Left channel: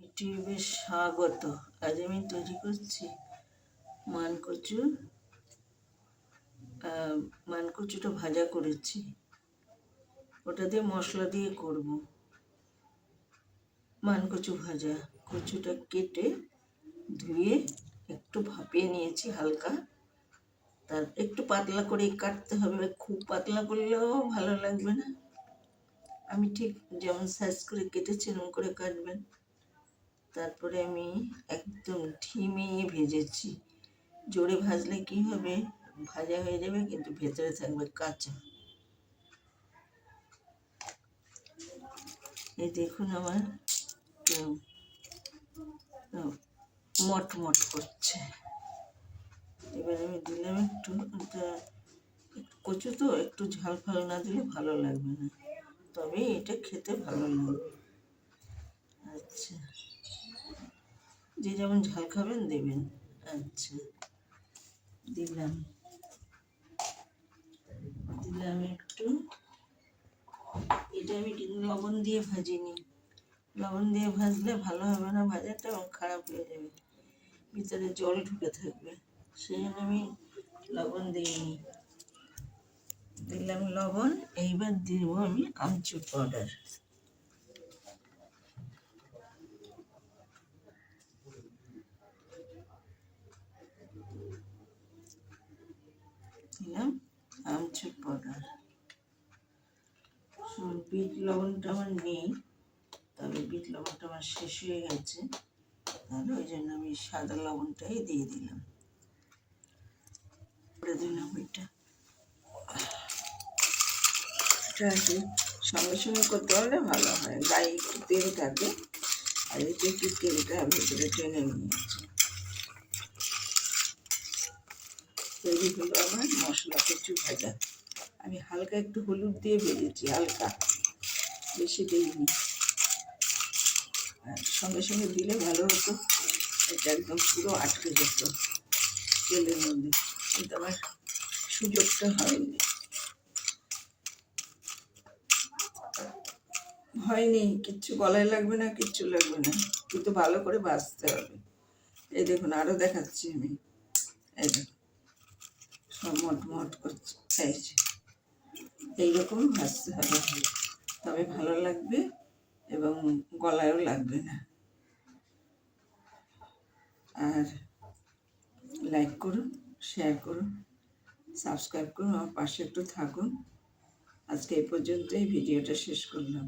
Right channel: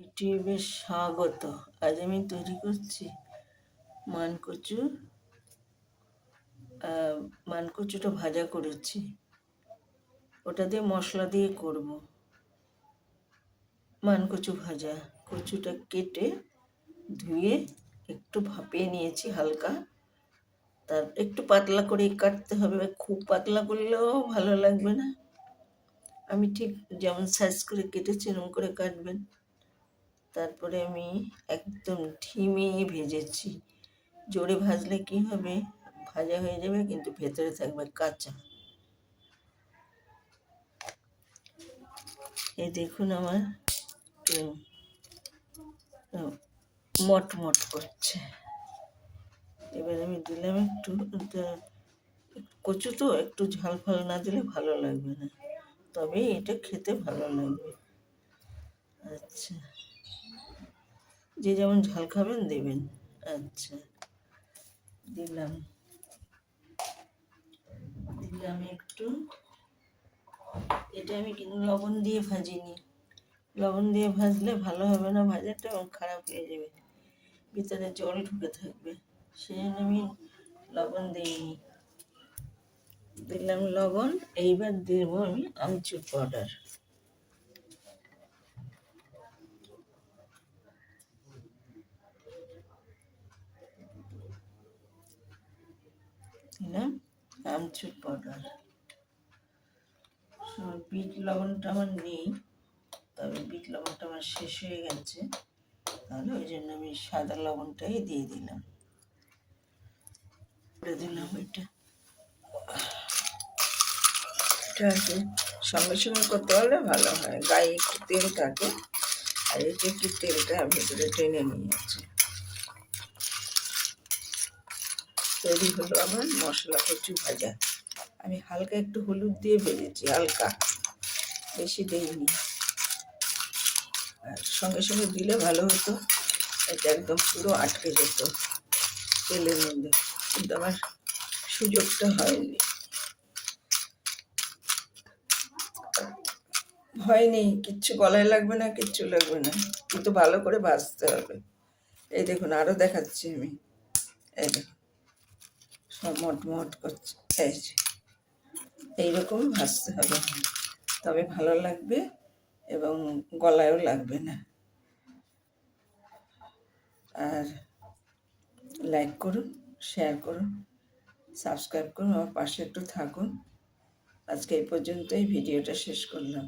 ইউটিউবে স্বাগত। আজ আমি তৈরি করছি মানকচু। মানকচুটা ভাজা করেছি, ওটা দিয়ে মশলা দিয়ে করব। মানকচু ভাজা, কচুটা কেটে ধুয়ে একটু ভাপিয়ে নিয়েছি হালকা। তার একটু পাতলা করে কাটতে হবে, খুব পাতলা করলেও ভালো লাগবে না। আমি ঠিক যেমন সাইজ করে কেটেছি এরকম করে কাটবেন। তারপরে আমি একদম ধিমে ভেজেছি। জোরে ভাজলে কি হবে, ভাজা হয়ে যাবে কিন্তু ভেতরে থাকবে কাঁচা। এই দেখুন আমার মটমট করছে। এবার আমি দিলাম একটু, কচু তো একটু ঝাল ফাল না দিলে ভালো লাগবে না, তবে এটা খেতে ভালো লাগবে। আচ্ছা, যে যেমন ঝাল খাবেন দেবেন। আচ্ছা, দিলাম একটু। এটা আমি কিন্তু লবণ দিয়ে ভাজিনি, লবণ দিয়ে ভাজলে ভালো হবে না, ভাজাটা খারাপ হয়ে যাবে, ভিতরে জল ঢুকে থাকবে, সেই জন্য আমি লবণ দিইনি। দিলাম লবণ। এইবার দেবো আমি আমচুর পাউডার। দিলাম আমচুর পাউডার। বিট লবণটা আমার নেই, তবে বিট লবণটা আমার শেষ হয়ে গেছে, তাহলে ওই জন্য আমি সাদা লবণটাই দিয়ে দিলাম। করে দিলাম ওইটা। এটা আর কি সঙ্গে সঙ্গে করতে পারলে ভালো হয়, গায়ে একটু তেল থাকে, আর এটা একটু তেলটা ভেতরে টেনে নিয়েছে। তৈরি হলো আমার মশলা কচু ভাজা। আমি হালকা একটু হলুদ দিয়ে ভেজেছি, হালকা, বেশি দিইনি। আর সঙ্গে সঙ্গে দিলে ভালো হতো, এটা একদম পুরো আটকে যেত তেলের মধ্যে, কিন্তু আমার সুযোগটা হয়নি। কিচ্ছু গলায় লাগবে না, কিচ্ছু লাগবে না, কিন্তু ভালো করে ভাজতে হবে। এই দেখুন, আরও দেখাচ্ছি আমি। এই দেখুন সব মটমট করছে, এইরকম ভাজতে হবে, তবে ভালো লাগবে এবং গলায়ও লাগবে না। আর লাইক করুন, শেয়ার করুন, সাবস্ক্রাইব করুন, আমার পাশে একটু থাকুন। আজকে এই পর্যন্তই ভিডিওটা শেষ করলাম।